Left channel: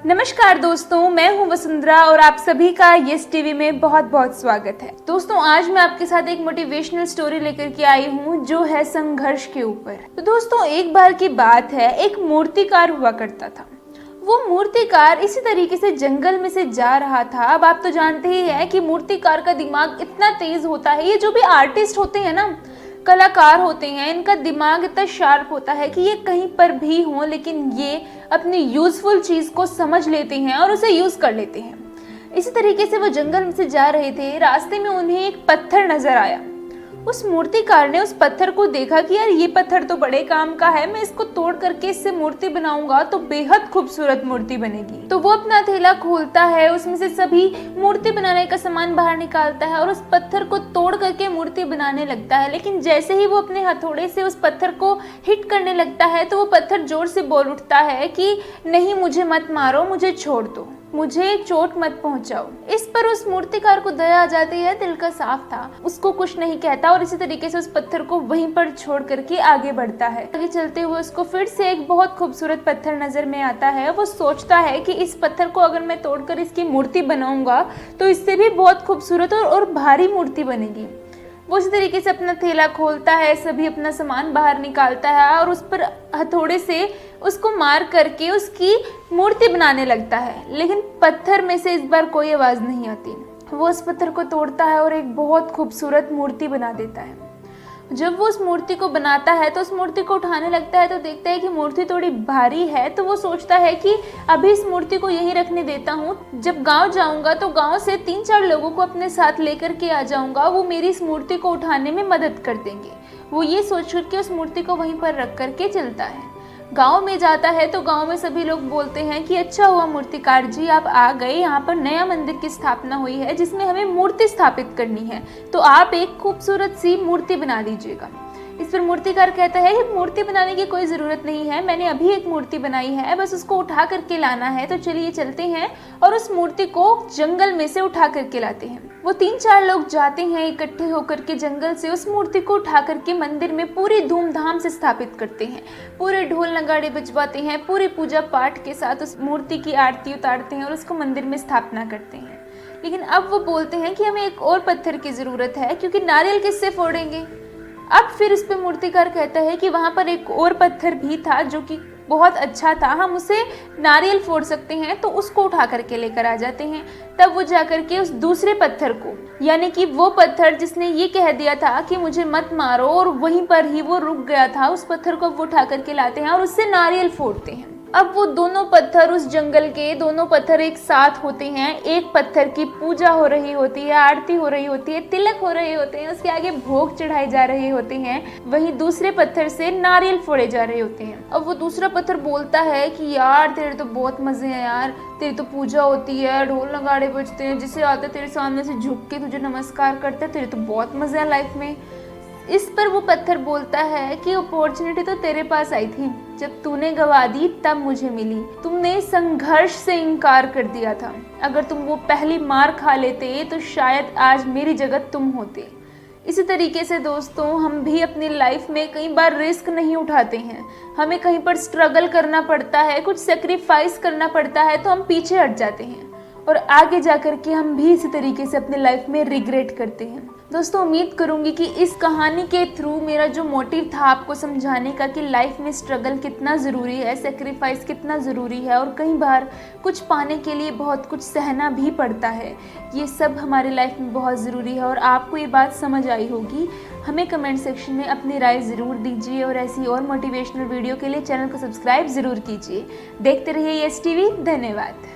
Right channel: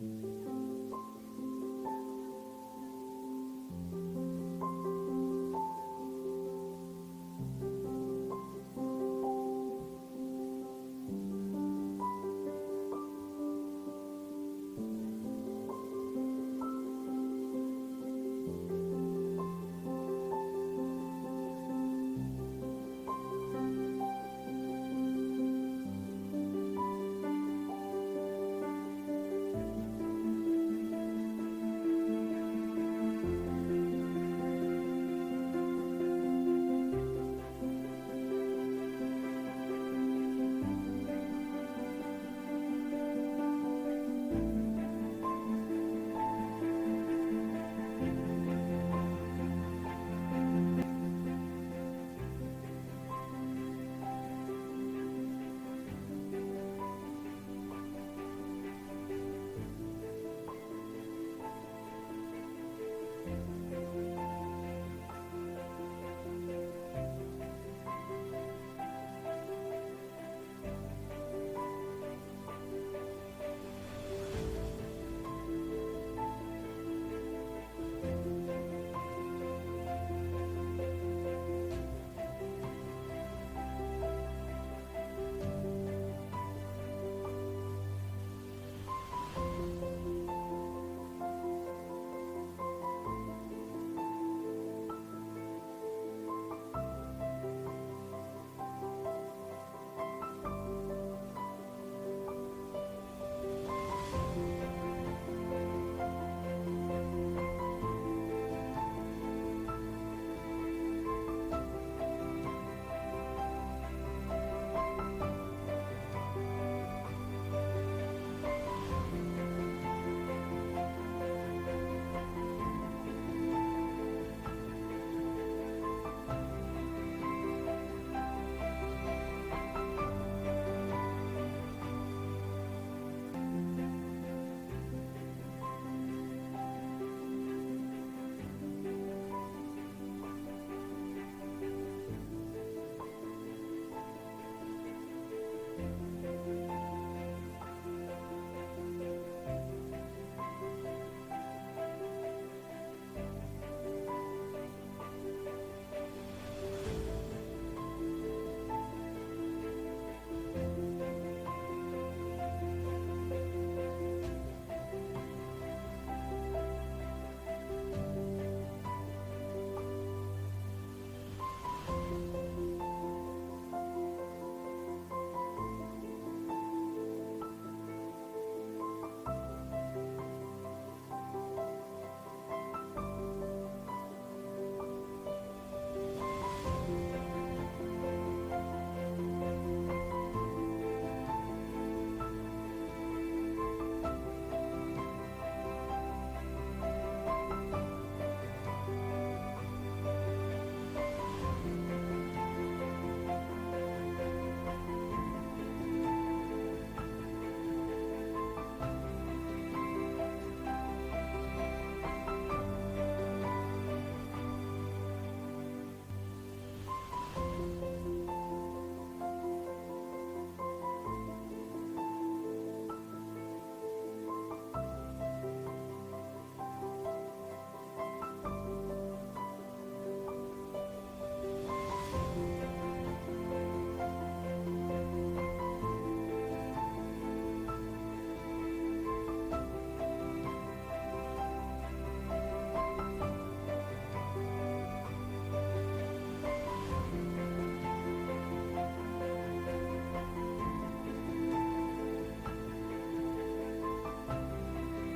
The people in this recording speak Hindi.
नमस्कार दोस्तों, मैं हूं वसुंधरा और आप सभी का यस टीवी में बहुत बहुत स्वागत है। दोस्तों, आज मैं आपके साथ एक मोटिवेशनल स्टोरी लेकर के आई हूं जो है संघर्ष के ऊपर। तो दोस्तों, एक बार की बात है, एक मूर्तिकार हुआ करता था। वो मूर्तिकार इसी तरीके से जंगल में से जा रहा था। अब आप तो जानते ही हैं कि मूर्तिकार का दिमाग इतना तेज होता है। ये जो भी आर्टिस्ट होते हैं ना, कलाकार होते हैं, इनका दिमाग इतना शार्प होता है कि ये कहीं पर भी हो लेकिन ये अपनी यूजफुल चीज को समझ लेते हैं और उसे यूज कर लेते हैं। इसी तरीके से वो जंगल में से जा रहे थे। रास्ते में उन्हें एक पत्थर नजर आया। उस मूर्तिकार ने उस पत्थर को देखा कि यार ये पत्थर तो बड़े काम का है, मैं इसको तोड़ करके इससे मूर्ति बनाऊंगा तो बेहद खूबसूरत मूर्ति बनेगी। तो वो अपना थैला खोलता है, उसमें से सभी मूर्ति बनाने का सामान बाहर निकालता है और उस पत्थर को तोड़ करके मूर्ति बनाने लगता है। लेकिन जैसे ही वो अपने हथौड़े से उस पत्थर को हिट करने लगता है तो वो पत्थर जोर से बोल उठता है कि नहीं, मुझे मत मारो, मुझे छोड़ दो, मुझे चोट मत पहुंचाओ। इस पर उस मूर्तिकार को दया आ जाती है, दिल का साफ था, उसको कुछ नहीं कहता और इसी तरीके से उस पत्थर को वहीं पर छोड़ करके आगे बढ़ता है। आगे चलते हुए उसको फिर से एक बहुत खूबसूरत पत्थर नजर में आता है। वो सोचता है कि इस पत्थर को अगर मैं तोड़कर इसकी मूर्ति बनाऊंगा तो इससे भी बहुत खूबसूरत और भारी मूर्ति बनेगी। वो इसी तरीके से अपना थैला खोलता है, सभी अपना सामान बाहर निकालता है और उस पर हथौड़े से उसको मार करके उसकी मूर्ति बनाने लगता है। लेकिन पत्थर में से इस बार कोई आवाज नहीं आती। वो उस पत्थर को तोड़ता है और एक बहुत खूबसूरत मूर्ति बना देता है। जब वो उस मूर्ति को बनाता है तो उस मूर्ति को उठाने लगता है तो देखता है कि मूर्ति थोड़ी भारी है। तो वो सोचता है कि अभी इस मूर्ति को यहीं रखने देता हूँ, जब गांव जाऊंगा तो गांव से 3-4 लोगों को अपने साथ लेकर के आ जाऊंगा, वो मेरी इस मूर्ति को उठाने में मदद कर देंगे। वो ये सोच करके उस मूर्ति को वहीं पर रख करके चलता है। गांव में जाता है तो गांव में सभी लोग बोलते हैं कि अच्छा हुआ मूर्तिकार जी, आप आ गए। यहाँ पर नया मंदिर की स्थापना हुई है जिसमें हमें मूर्ति स्थापित करनी है, तो आप एक खूबसूरत सी मूर्ति बना लीजिएगा। इस पर मूर्तिकार कहता है कि मूर्ति बनाने की कोई ज़रूरत नहीं है, मैंने अभी एक मूर्ति बनाई है, बस उसको उठा करके लाना है। तो चलिए चलते हैं और उस मूर्ति को जंगल में से उठा करके लाते हैं। वो 3-4 लोग जाते हैं इकट्ठे होकर के जंगल से, उस मूर्ति को उठा करके मंदिर में पूरी धूमधाम से स्थापित करते हैं। पूरे ढोल नगाड़े बजवाते हैं, पूरी पूजा पाठ के साथ उस मूर्ति की आरती उतारते हैं और उसको मंदिर में स्थापना करते हैं। लेकिन अब वो बोलते हैं कि हमें एक और पत्थर की ज़रूरत है, क्योंकि नारियल किससे फोड़ेंगे। अब फिर इस पे मूर्तिकार कहता है कि वहाँ पर एक और पत्थर भी था जो कि बहुत अच्छा था, हम उसे नारियल फोड़ सकते हैं, तो उसको उठा करके लेकर आ जाते हैं। तब वो जाकर के उस दूसरे पत्थर को, यानी कि वो पत्थर जिसने ये कह दिया था कि मुझे मत मारो और वहीं पर ही वो रुक गया था, उस पत्थर को वो उठा करके लाते हैं और उससे नारियल फोड़ते हैं। अब वो दोनों पत्थर, उस जंगल के दोनों पत्थर एक साथ होते हैं। एक पत्थर की पूजा हो रही होती है, आरती हो रही होती है, तिलक हो रहे होते हैं, उसके आगे भोग चढ़ाए जा रहे होते हैं। वहीं दूसरे पत्थर से नारियल फोड़े जा रहे होते हैं। अब वो दूसरा पत्थर बोलता है कि यार तेरे तो बहुत मजे हैं यार, तेरी तो पूजा होती है, ढोल नगाड़े बजते हैं, जिसे आता तेरे सामने से झुक के तुझे नमस्कार करते हैं, तेरे तो बहुत मजे हैं लाइफ में। इस पर वो पत्थर बोलता है कि अपॉर्चुनिटी तो तेरे पास आई थी, जब तूने गवा दी तब मुझे मिली। तुमने संघर्ष से इनकार कर दिया था, अगर तुम वो पहली मार खा लेते तो शायद आज मेरी जगह तुम होते। इसी तरीके से दोस्तों, हम भी अपनी लाइफ में कई बार रिस्क नहीं उठाते हैं, हमें कहीं पर स्ट्रगल करना पड़ता है, कुछ सेक्रीफाइस करना पड़ता है, तो हम पीछे हट जाते हैं और आगे जाकर के हम भी इसी तरीके से अपने लाइफ में रिग्रेट करते हैं। दोस्तों, उम्मीद करूंगी कि इस कहानी के थ्रू मेरा जो मोटिव था आपको समझाने का कि लाइफ में स्ट्रगल कितना ज़रूरी है, सेक्रीफाइस कितना ज़रूरी है और कई बार कुछ पाने के लिए बहुत कुछ सहना भी पड़ता है, ये सब हमारी लाइफ में बहुत ज़रूरी है और आपको ये बात समझ आई होगी। हमें कमेंट सेक्शन में अपनी राय ज़रूर दीजिए और ऐसी और मोटिवेशनल वीडियो के लिए चैनल को सब्सक्राइब ज़रूर कीजिए। देखते रहिए यस टीवी। धन्यवाद।